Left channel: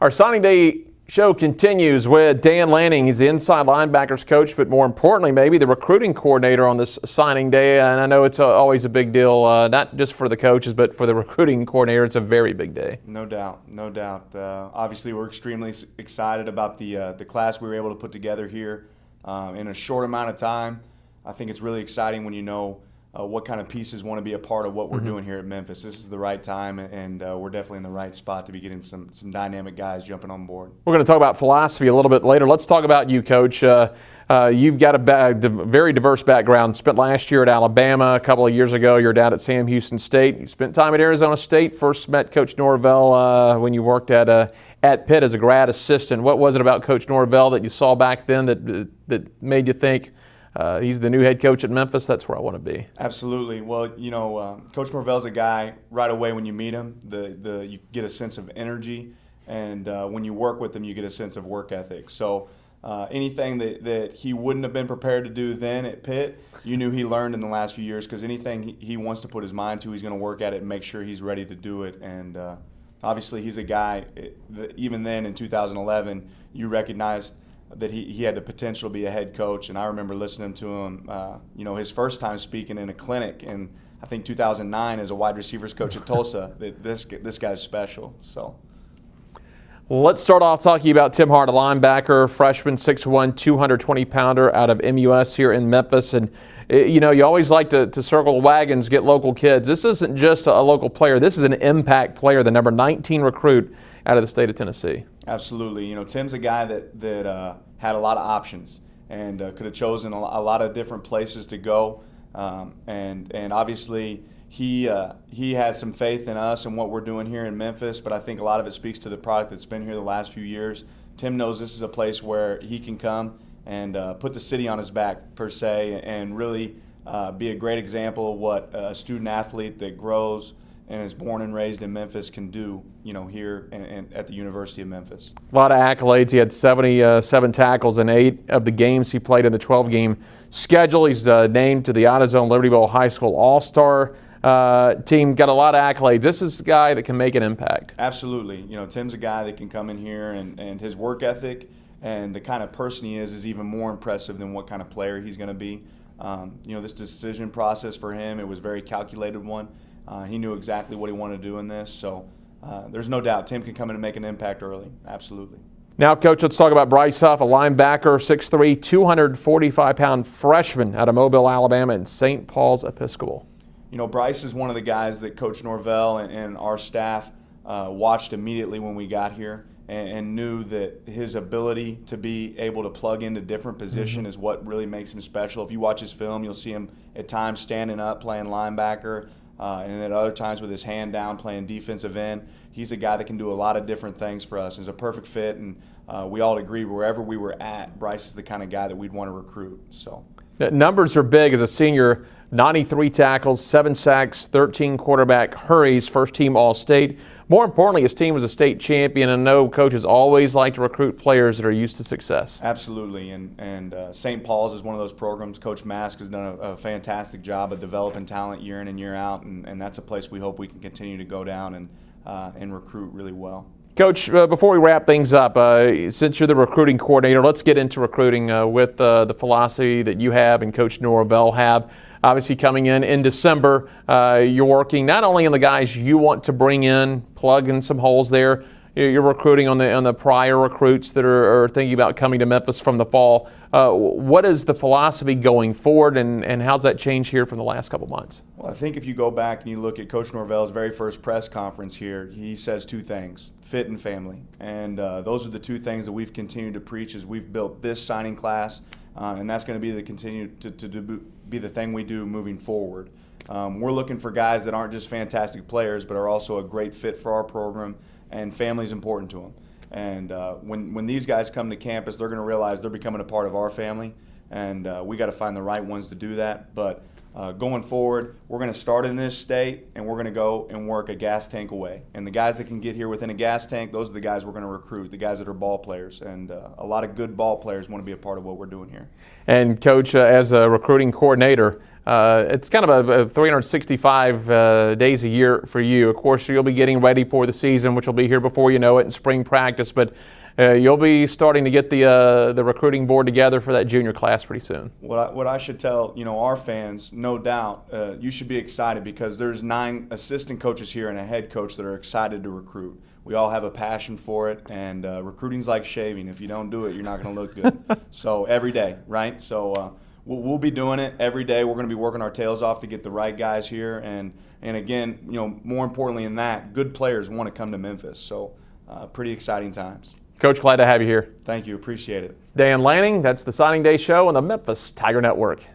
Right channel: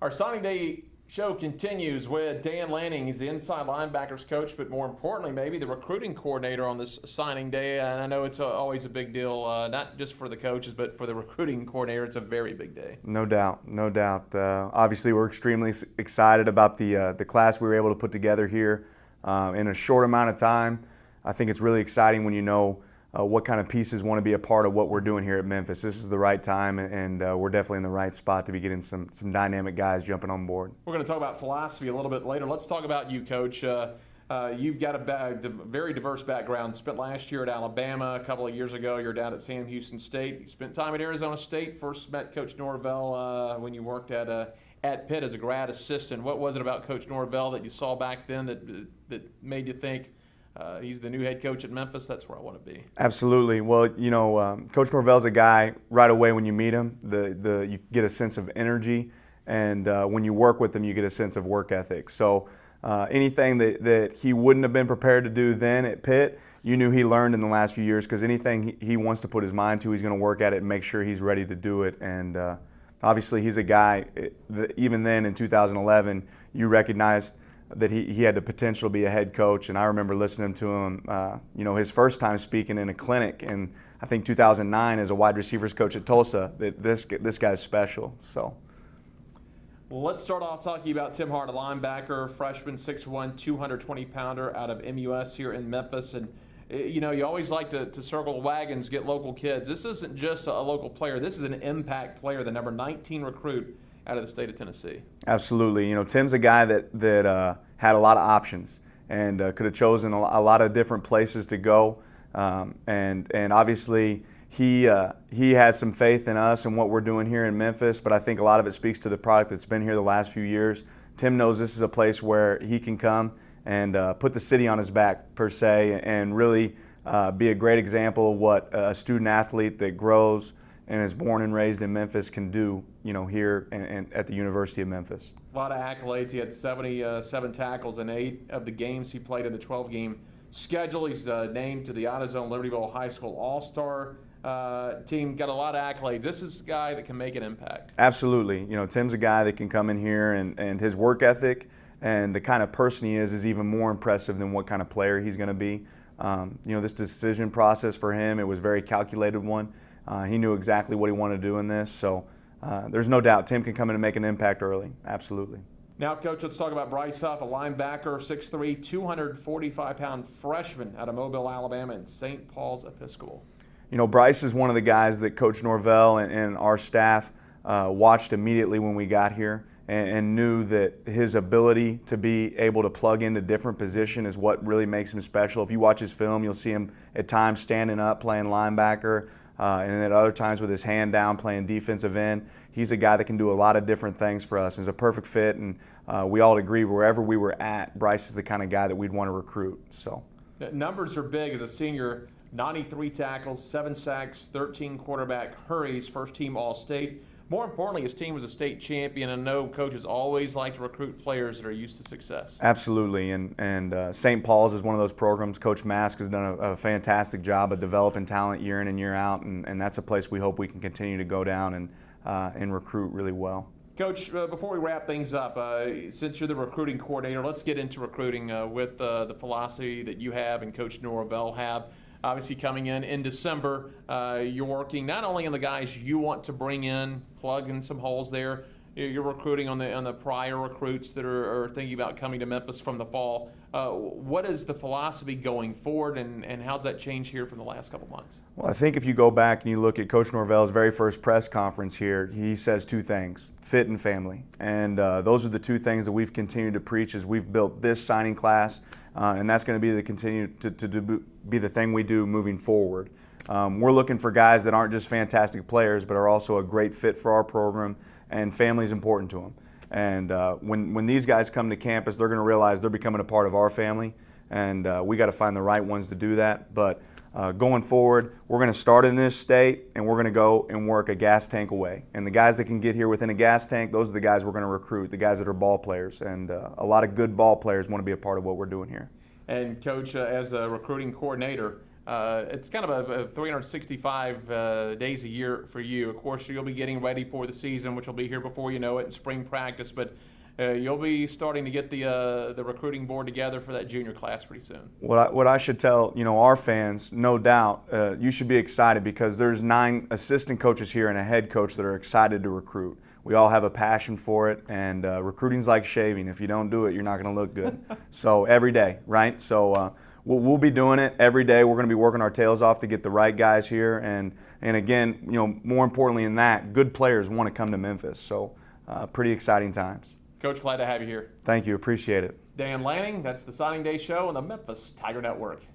Our signing day show continues with Dan Lanning. He's the inside linebackers coach, but more importantly, maybe the recruiting coordinator on this signing day. And I know it's always a big deal, not just for the coaches, but for the recruiting coordinator. It's a very big day. No doubt, no doubt. Obviously, we're extremely excited about the class we were able to put together here in a short amount of time. I think it's really exciting when you know what kind of pieces want to be a part of what we're doing here at Memphis. This is the right time, and we're definitely in the right spot to be getting some dynamic guys jumping on board. We're going to talk about philosophy a little bit later. Let's talk about you, Coach. You've got a very diverse background. Spent last year at Alabama. A couple of years ago, you're down at Sam Houston State. You spent time at Arizona State. First met Coach Norvell when you worked at Pitt as a grad assistant. What was it about Coach Norvell that you saw back then that made you think, he's the new head coach at Memphis? That's where I want to be. Absolutely. Well, you know, Coach Norvell's a guy right away when you meet him. You get a sense of energy, and when you work with him, you get a sense of work ethic. So anything that he wouldn't have been prepared to do then at Pitt, you knew he learned in the last few years, because anything he wants to put his mind to, he's going to work at it and make sure he's ready to do it. And obviously, he's a guy, even then in 2011, you recognized that he had the potential to be a head coach. And I remember listening to him, you know, his first time speaking in a clinic in, I think, 2009 as a wide receivers coach at Tulsa. This guy's special. So let's start off talking about Tim Hart, a linebacker, freshman, 6'1", 220-pounder out of MUS here in Memphis. And you know, you always like to circle wagons, get local kids. This isn't just a local player. This is an impact player, the number 19 recruit out of the state of Tennessee. Absolutely. You know, Tim's a guy that had a lot of options and could have chosen a lot of different places to go. And obviously, he has some faith in us and what we're doing here in Memphis, but I think a lot of it speaks to the product that's been here the last few years. Tim knows this is a place where he can come and put the city on his back, per se, and really be a great example of what a student athlete that grows and is born and raised in Memphis can do, you know, here and at the University of Memphis. A lot of accolades. He had 77 tackles in 8 of the games he played in the 12-game schedule. He's named to the AutoZone Liberty Bowl High School All-Star team. Got a lot of accolades. This is a guy that can make an impact. Absolutely. You know, Tim's a guy that can come in here, and his work ethic and the kind of person he is even more impressive than what kind of player he's going to be. You know, this decision process for him, it was a very calculated one. He knew exactly what he wanted to do in this, so there's no doubt Tim can come in and make an impact early. Absolutely. Now, Coach, let's talk about Bryce Huff, a linebacker, 6'3", 245-pound freshman out of Mobile, Alabama, and St. Paul's Episcopal. You know, Bryce is one of the guys that Coach Norvell and our staff watched immediately when we got here, and knew that his ability to be able to plug into different position is what really makes him special. If you watch his film, you'll see him at times standing up playing linebacker, and then at other times with his hand down playing defensive end. He's a guy that can do a lot of different things for us. He's a perfect fit, and we all agree wherever we were at, Bryce is the kind of guy that we'd want to recruit. So numbers are big as a senior. 93 tackles, 7 sacks, 13 quarterback hurries, first team All-State. More importantly, his team was a state champion, and I know coaches always like to recruit players that are used to success. Absolutely, and St. Paul's is one of those programs. Coach Mask has done a fantastic job of developing talent year in and year out, and that's a place we hope we can continue to go down and recruit really well. Coach, before we wrap things up, since you're the recruiting coordinator, let's get into recruiting with the philosophy that you have and Coach Norvell have. Obviously, coming in December, you're working not only on the guys you want to bring in, plug in some holes there. You're recruiting on the prior recruits that are thinking about coming to Memphis from the fall. What is the philosophy going forward, and how's that changed here from the last couple months? Well, I think if you go back and you look at Coach Norvell's very first press conference here, he says 2 things: fit and family. And those are the 2 things that we've continued to preach as we've built this signing class, and that's going to be to be the thing we do moving forward. We're looking for guys that aren't just fantastic players, but are also a great fit for our program, and family is important to them. And when these guys come to campus, they're going to realize they're becoming a part of our family, and we got to find the right ones to do that. But going forward, we're going to start in this state, and we're going to go and work a gas tank away. And the guys that can get here within a gas tank, those are the guys we're going to recruit, the guys that are ball players. And a lot of good ball players want to be a part of what we're doing here. And Coach, as a recruiting coordinator, It's kind of a 365 days a year for you. Of course, you'll be getting ready for the season, which will be here before you know it in spring practice. But you'll be starting to get the recruiting board together for that junior class pretty soon. What I should tell our fans, no doubt, you should be excited because there's 9 assistant coaches here and a head coach that are excited to recruit. We all have a passion for it, and recruiting's like shaving. If you don't do it, you're not going to look good. So every day, right? So we'll be doing it every day. We're going to be working our tails off to get the right guys here, and again, more importantly than that, good players want to come to Memphis. So pretty exciting times. Coach, glad to have you here. Thank you. Appreciate it. Dan Lanning, that's the Signing Day Show on the Memphis Tiger Network.